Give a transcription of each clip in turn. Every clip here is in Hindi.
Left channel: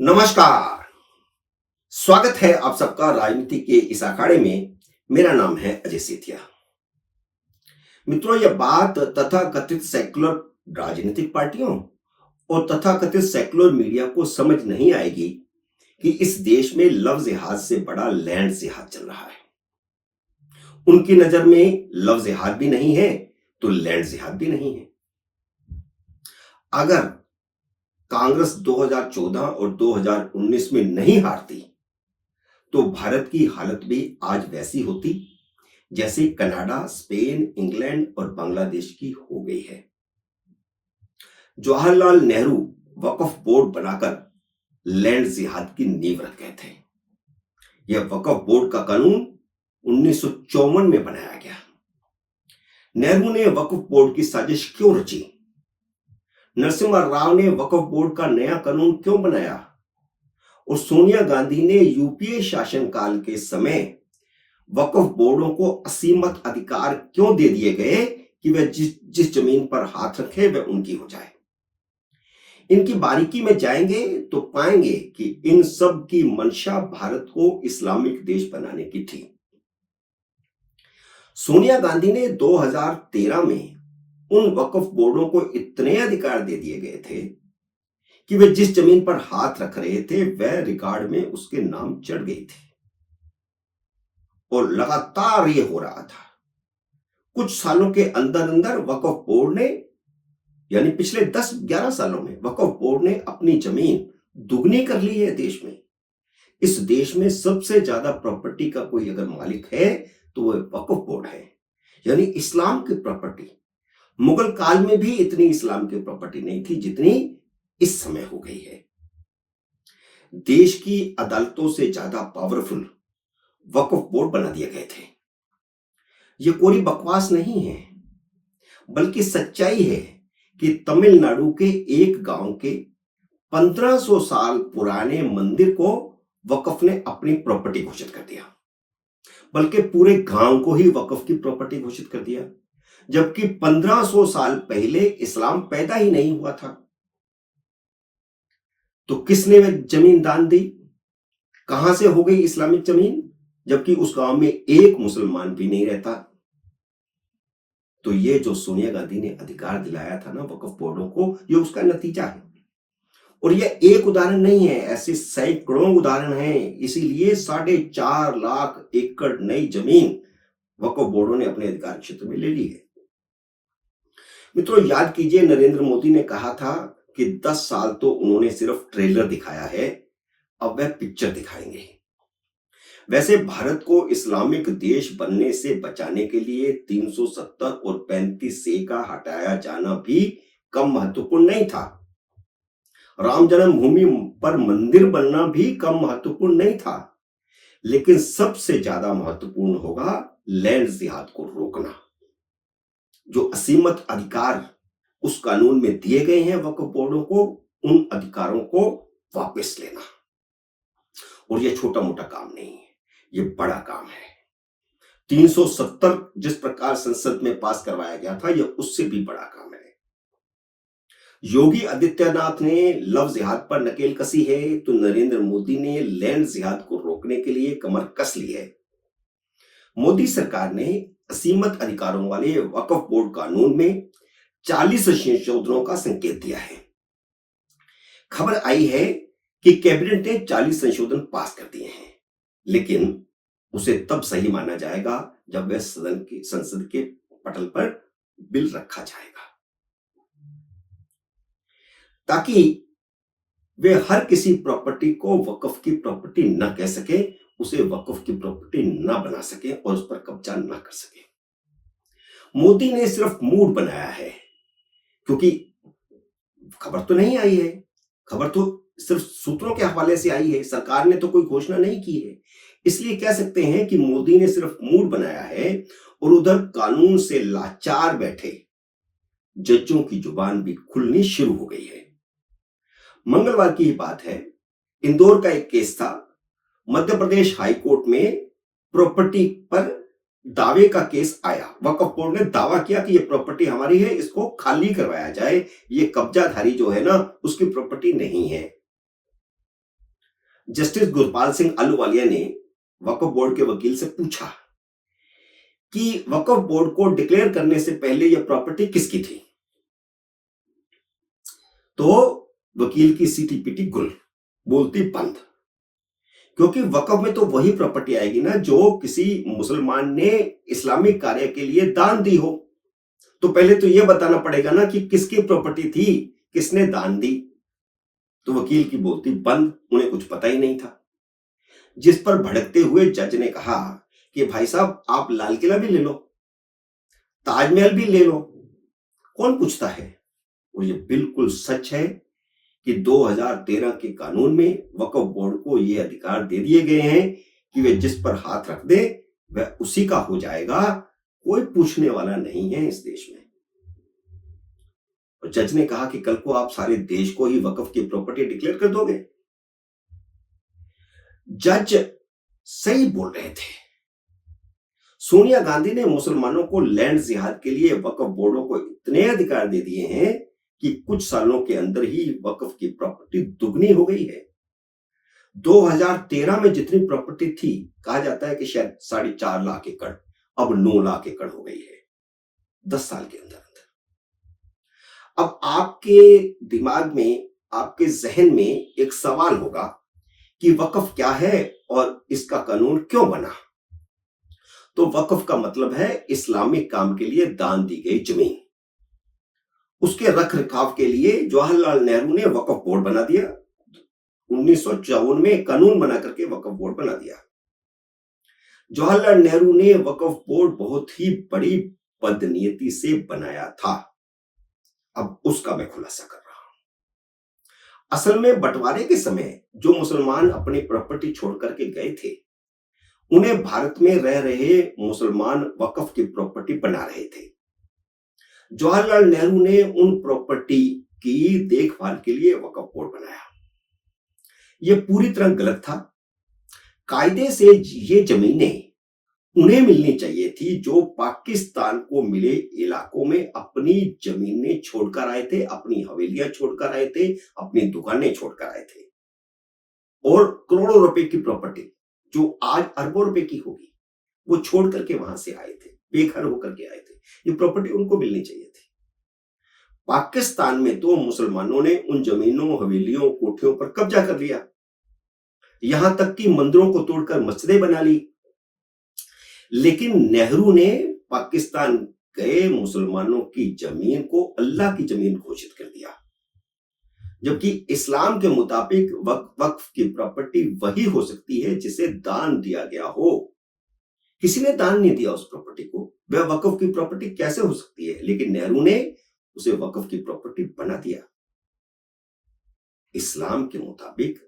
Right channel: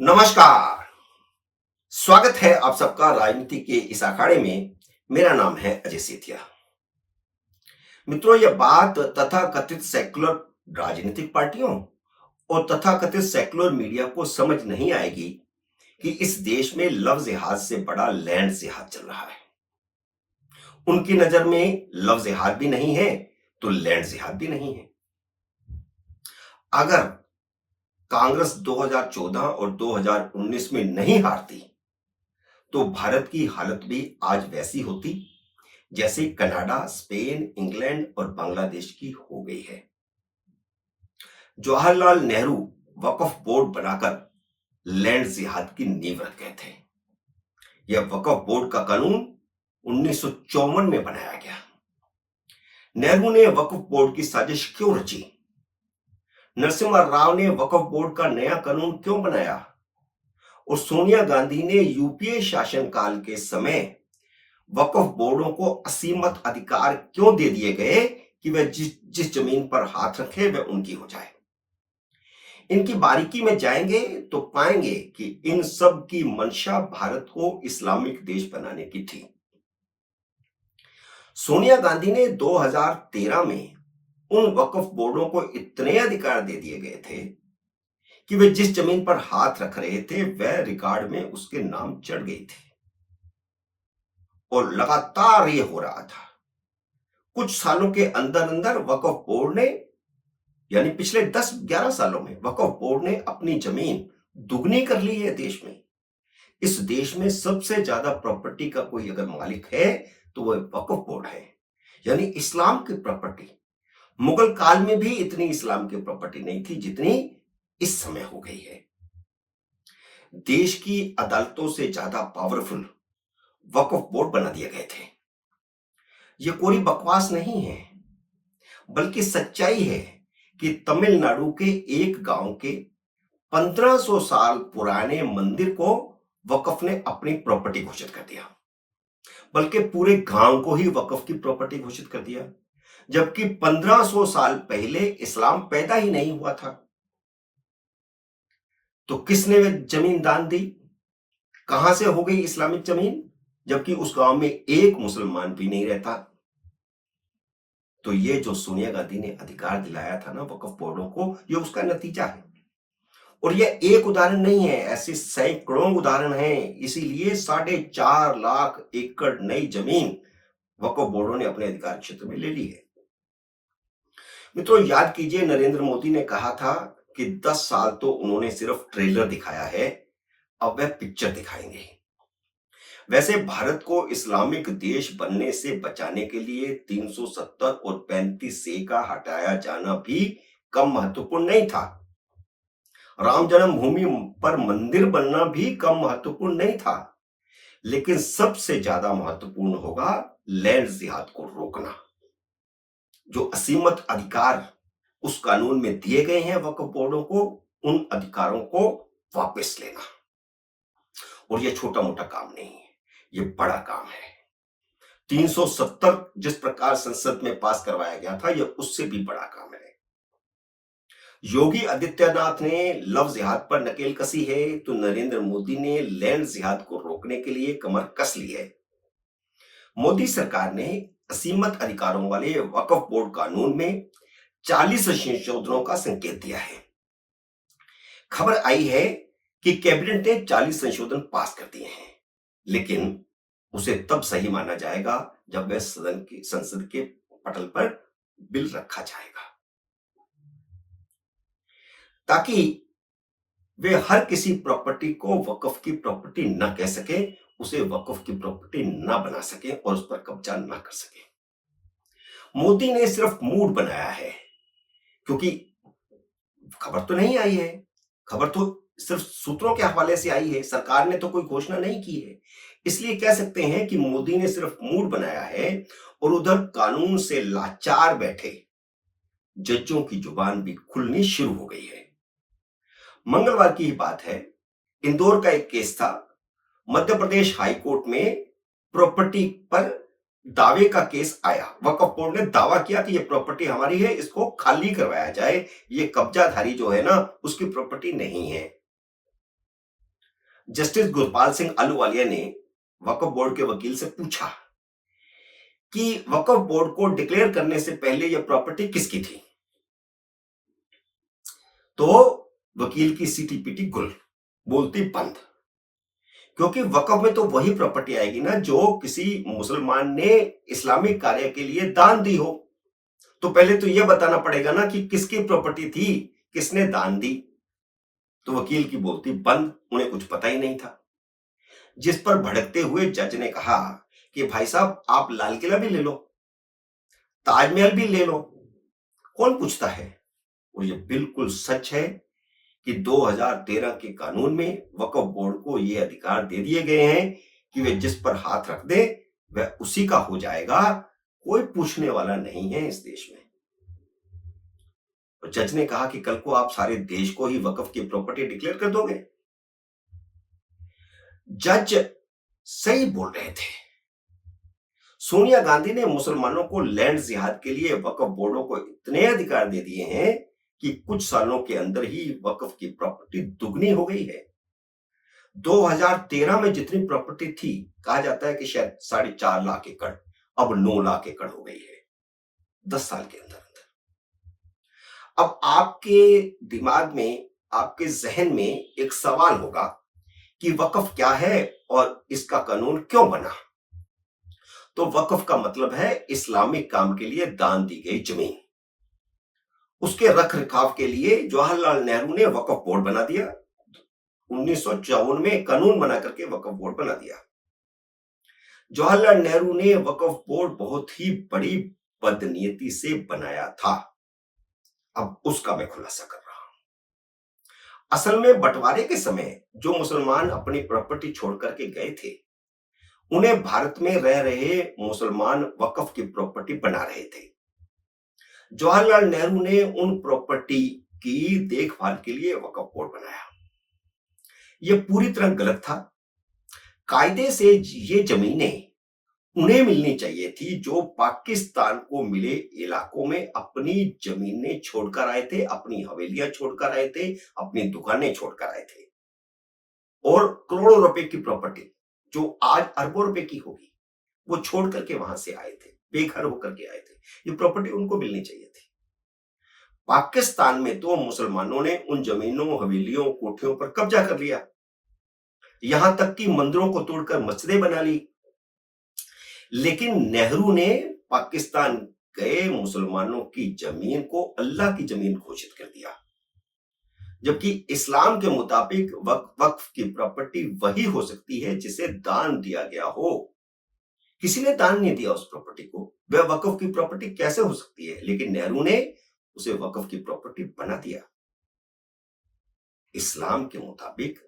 नमस्कार। स्वागत है आप सबका राजनीति के इस अखाड़े में। मेरा नाम है अजय सेठिया। मित्रों, यह बात तथाकथित सेक्युलर राजनीतिक पार्टियों और तथाकथित सेक्युलर मीडिया को समझ नहीं आएगी कि इस देश में लव जिहाद से बड़ा लैंड जिहाद चल रहा है। उनकी नजर में लव जिहाद भी नहीं है तो लैंड जिहाद भी नहीं है। अगर कांग्रेस 2014 और 2019 में नहीं हारती तो भारत की हालत भी आज वैसी होती जैसे कनाडा, स्पेन, इंग्लैंड और बांग्लादेश की हो गई है। जवाहरलाल नेहरू वक्फ बोर्ड बनाकर लैंड जिहाद की नींव रख गए थे। यह वक्फ बोर्ड का कानून 1954 में बनाया गया। नेहरू ने वक्फ बोर्ड की साजिश क्यों रची? नरसिम्हा राव ने वक्फ बोर्ड का नया कानून क्यों बनाया? और सोनिया गांधी ने यूपीए शासनकाल के समय वक्फ बोर्डों को असीमित अधिकार क्यों दे दिए गए कि वह जिस जमीन पर हाथ रखे वह उनकी हो जाए? इनकी बारीकी में जाएंगे तो पाएंगे कि इन सब की मंशा भारत को इस्लामिक देश बनाने की थी। सोनिया गांधी ने 2013 में उन वक्फ बोर्डों को इतने अधिकार दे दिए गए थे कि वे जिस जमीन पर हाथ रख रहे थे वह रिकॉर्ड में उसके नाम चढ़ गई थी। और लगातार ये हो रहा था। कुछ सालों के अंदर अंदर वक्फ बोर्ड ने, यानी पिछले 10-11 सालों में वक्फ बोर्ड ने अपनी जमीन दुगनी कर ली है देश में। इस देश में सबसे ज्यादा प्रॉपर्टी का कोई अगर मालिक है तो वह वक्फ बोर्ड है, यानी इस्लाम की प्रॉपर्टी। मुगल काल में भी इतनी इस्लाम की प्रॉपर्टी नहीं थी जितनी इस समय हो गई है। देश की अदालतों से ज्यादा पावरफुल वक्फ बोर्ड बना दिए गए थे। यह कोई बकवास नहीं है, बल्कि सच्चाई है कि तमिलनाडु के एक गांव के 1500 साल पुराने मंदिर को वक्फ ने अपनी प्रॉपर्टी घोषित कर दिया, बल्कि पूरे गांव को ही वक्फ की प्रॉपर्टी घोषित कर दिया, जबकि 1500 साल पहले इस्लाम पैदा ही नहीं हुआ था। तो किसने वह जमीन दान दी? कहां से हो गई इस्लामिक जमीन, जबकि उस गांव में एक मुसलमान भी नहीं रहता? तो ये जो सोनिया गांधी ने अधिकार दिलाया था ना वक्फ बोर्डों को, ये उसका नतीजा है। और यह एक उदाहरण नहीं है, ऐसे सैकड़ों उदाहरण हैं। इसीलिए 4.5 लाख एकड़ नई जमीन वक्फ बोर्डों ने अपने अधिकार क्षेत्र में ले ली है। मित्रों, याद कीजिए, नरेंद्र मोदी ने कहा था कि 10 साल तो उन्होंने सिर्फ ट्रेलर दिखाया है, अब वह पिक्चर दिखाएंगे। वैसे भारत को इस्लामिक देश बनने से बचाने के लिए 370 और 35 का हटाया जाना भी कम महत्वपूर्ण नहीं था। राम जन्मभूमि पर मंदिर बनना भी कम महत्वपूर्ण नहीं था। लेकिन सबसे ज्यादा महत्वपूर्ण होगा लैंड जिहाद को रोकना। जो असीमित अधिकार उस कानून में दिए गए हैं वक्फ बोर्डों को, उन अधिकारों को वापस लेना। और यह छोटा मोटा काम नहीं है, यह बड़ा काम है। 370 जिस प्रकार संसद में पास करवाया गया था, यह उससे भी बड़ा काम है। योगी आदित्यनाथ ने लव जिहाद पर नकेल कसी है तो नरेंद्र मोदी ने लैंड जिहाद को रोकने के लिए कमर कस ली है। मोदी सरकार ने असीमित अधिकारों वाले वक्फ बोर्ड कानून में 40 संशोधनों का संकेत दिया है। खबर आई है कि कैबिनेट ने 40 संशोधन पास कर दिए हैं, लेकिन उसे तब सही माना जाएगा जब वह संसद के पटल पर बिल रखा जाएगा, ताकि वे हर किसी प्रॉपर्टी को वक्फ की प्रॉपर्टी न कह सके, उसे वक्फ की प्रॉपर्टी न बना सके और उस पर कब्जा न कर सके। मोदी ने सिर्फ मूड बनाया है, क्योंकि खबर तो नहीं आई है। खबर तो सिर्फ सूत्रों के हवाले से आई है, सरकार ने तो कोई घोषणा नहीं की है। इसलिए कह सकते हैं कि मोदी ने सिर्फ मूड बनाया है और उधर कानून से लाचार बैठे जजों की जुबान भी खुलनी शुरू हो गई है। मंगलवार की ही बात है, इंदौर का एक केस था। मध्य प्रदेश हाई कोर्ट में प्रॉपर्टी पर दावे का केस आया। वक्फ बोर्ड ने दावा किया कि यह प्रॉपर्टी हमारी है, इसको खाली करवाया जाए, ये कब्जाधारी जो है ना उसकी प्रॉपर्टी नहीं है। जस्टिस गुरपाल सिंह अहलूवालिया ने वक्फ बोर्ड के वकील से पूछा कि वक्फ बोर्ड को डिक्लेयर करने से पहले यह प्रॉपर्टी किसकी थी। तो वकील की सीटी पीटी गुल, बोलती बंद, क्योंकि वक्फ में तो वही प्रॉपर्टी आएगी ना जो किसी मुसलमान ने इस्लामिक कार्य के लिए दान दी हो। तो पहले तो यह बताना पड़ेगा ना कि किसकी प्रॉपर्टी थी, किसने दान दी। तो वकील की बोलती बंद, उन्हें कुछ पता ही नहीं था। जिस पर भड़कते हुए जज ने कहा कि भाई साहब, आप लाल किला भी ले लो, ताजमहल भी ले लो, कौन पूछता है। और ये बिल्कुल सच है कि 2013 के कानून में वक्फ बोर्ड को ये अधिकार दे दिए गए हैं कि वे जिस पर हाथ रख दे वह उसी का हो जाएगा, कोई पूछने वाला नहीं है इस देश में। और जज ने कहा कि कल को आप सारे देश को ही वक्फ की प्रॉपर्टी डिक्लेयर कर दोगे। जज सही बोल रहे थे। सोनिया गांधी ने मुसलमानों को लैंड जिहाद के लिए वक्फ बोर्डों को इतने अधिकार दे दिए हैं कि कुछ सालों के अंदर ही वक्फ की प्रॉपर्टी दुगनी हो गई है। 2013 में जितनी प्रॉपर्टी थी, कहा जाता है कि शायद 4.5 लाख एकड़, अब 9 लाख एकड़ हो गई है 10 साल के अंदर। अब आपके दिमाग में, आपके जहन में एक सवाल होगा कि वक्फ क्या है और इसका कानून क्यों बना। तो वक्फ का मतलब है इस्लामिक काम के लिए दान दी गई जमीन। उसके रख रखाव के लिए जवाहरलाल नेहरू ने वक्फ बोर्ड बना दिया। 1954 में कानून बना करके वक्फ बोर्ड बना दिया। जवाहरलाल नेहरू ने वक्फ बोर्ड बहुत ही बड़ी बदनीयती से बनाया था। अब उसका मैं खुलासा कर रहा हूं। असल में बंटवारे के समय जो मुसलमान अपनी प्रॉपर्टी छोड़ करके गए थे, उन्हें भारत में रह रहे मुसलमान वक्फ की प्रॉपर्टी बना रहे थे। जवाहरलाल नेहरू ने उन प्रॉपर्टी की देखभाल के लिए वक्फ बोर्ड बनाया। यह पूरी तरह गलत था। कायदे से ये जमीनें उन्हें मिलनी चाहिए थी जो पाकिस्तान को मिले इलाकों में अपनी जमीनें छोड़कर आए थे, अपनी हवेलियां छोड़कर आए थे, अपनी दुकानें छोड़कर आए थे। और करोड़ों रुपए की प्रॉपर्टी जो आज अरबों रुपए की होगी, वो छोड़ करके वहां से आए थे, बेघर होकर के आए थे। ये प्रॉपर्टी उनको मिलनी चाहिए थी। पाकिस्तान में तो मुसलमानों ने उन जमीनों, हवेलियों, कोठियों पर कब्जा कर लिया, यहां तक कि मंदिरों को तोड़कर मस्जिदें बना ली। लेकिन नेहरू ने पाकिस्तान गए मुसलमानों की जमीन को अल्लाह की जमीन घोषित कर दिया, जबकि इस्लाम के मुताबिक वक्फ की प्रॉपर्टी वही हो सकती है जिसे दान दिया गया हो। किसी ने दान नहीं दिया उस प्रॉपर्टी को, वह वक्फ की प्रॉपर्टी कैसे हो सकती है? लेकिन नेहरू ने उसे वक्फ की प्रॉपर्टी बना दिया। इस्लाम के मुताबिक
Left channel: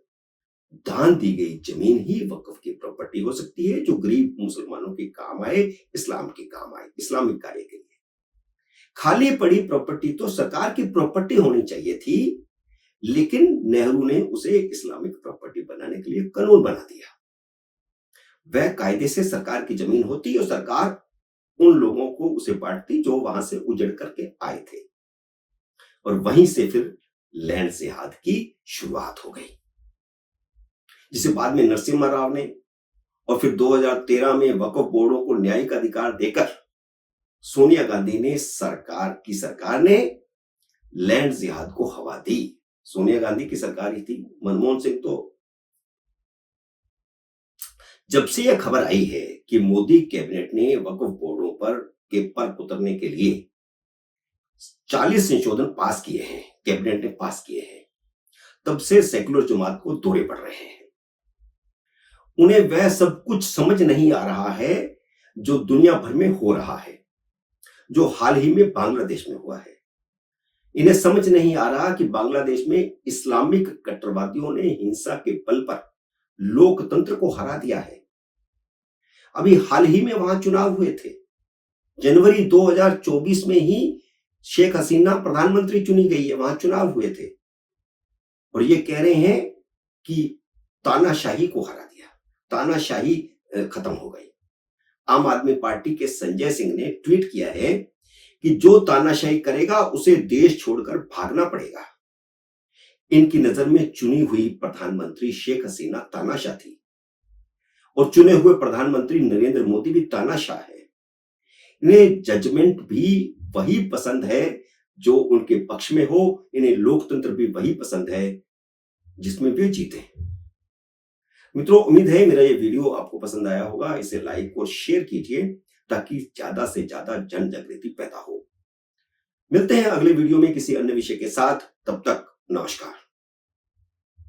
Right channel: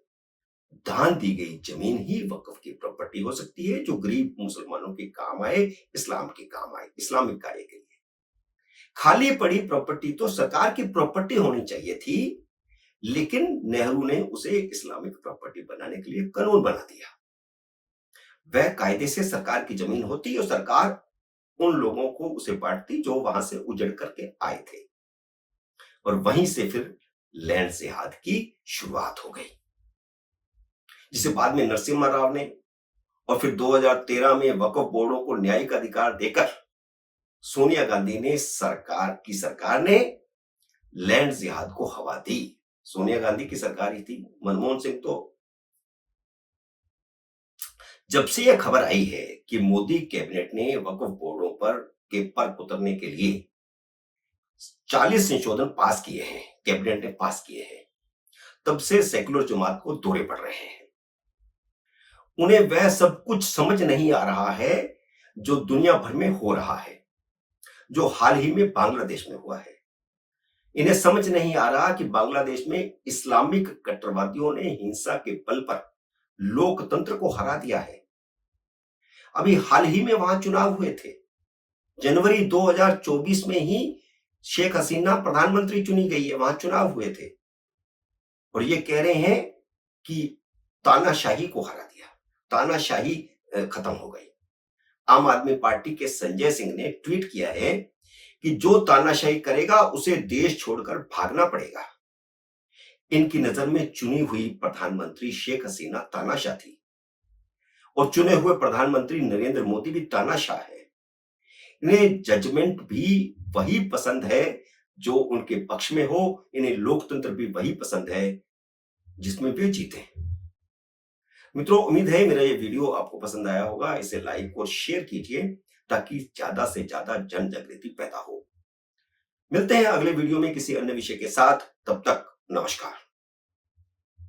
दान दी गई जमीन ही वक्फ की प्रॉपर्टी हो सकती है, जो गरीब मुसलमानों के काम आए, इस्लाम के काम आए, इस्लामिक कार्य के लिए। खाली पड़ी प्रॉपर्टी तो सरकार की प्रॉपर्टी होनी चाहिए थी, लेकिन नेहरू ने उसे इस्लामिक प्रॉपर्टी बनाने के लिए कानून बना दिया। वह कायदे से सरकार की जमीन होती और सरकार उन लोगों को उसे बांटती जो वहां से उजड़ करके आए थे, और वहीं से फिर लैंड जिहाद की शुरुआत हो गई, जिसे बाद में नरसिम्हा राव ने और फिर 2013 में वक्फ बोर्डों को न्यायिक अधिकार देकर सोनिया गांधी ने सरकार ने लैंड जिहाद को हवा दी। सोनिया गांधी की सरकार ही थी। मनमोहन सिंह तो, जब से यह खबर आई है कि मोदी कैबिनेट ने वक्फ बोर्डों पर उतरने के लिए 40 संशोधन पास किए हैं, कैबिनेट ने पास किए हैं, तब से सेक्युलर जमात को दौरे पड़ रहे हैं। उन्हें वह सब कुछ समझ नहीं आ रहा है जो दुनिया भर में हो रहा है, जो हाल ही में बांग्लादेश में हुआ है। इन्हें समझ नहीं आ रहा कि बांग्लादेश में इस्लामिक कट्टरवादियों ने हिंसा के बल पर लोकतंत्र को हरा दिया है। अभी हाल ही में वहां चुनाव हुए थे। जनवरी 2024 में ही शेख हसीना प्रधानमंत्री चुनी गई है, वहां चुनाव हुए थे, और ये कह रहे हैं कि तानाशाही को हरा दिया, तानाशाही खत्म हो गई। आम आदमी पार्टी के संजय सिंह ने ट्वीट किया है कि जो तानाशाही करेगा उसे देश छोड़कर भागना पड़ेगा। इनकी नजर में चुनी हुई प्रधानमंत्री शेख हसीना तानाशाह थी और चुने हुए प्रधानमंत्री नरेंद्र मोदी भी तानाशाह है। इन्हें जजमेंट भी वही पसंद है जो उनके पक्ष में हो, इन्हें लोकतंत्र भी वही पसंद है जिसमें वे जीते। मित्रों, उम्मीद है मेरा ये वीडियो आपको पसंद आया होगा। इसे लाइक और शेयर कीजिए ताकि ज्यादा से ज्यादा जन जागृति पैदा हो। मिलते हैं अगले वीडियो में किसी अन्य विषय के साथ। तब तक नमस्कार।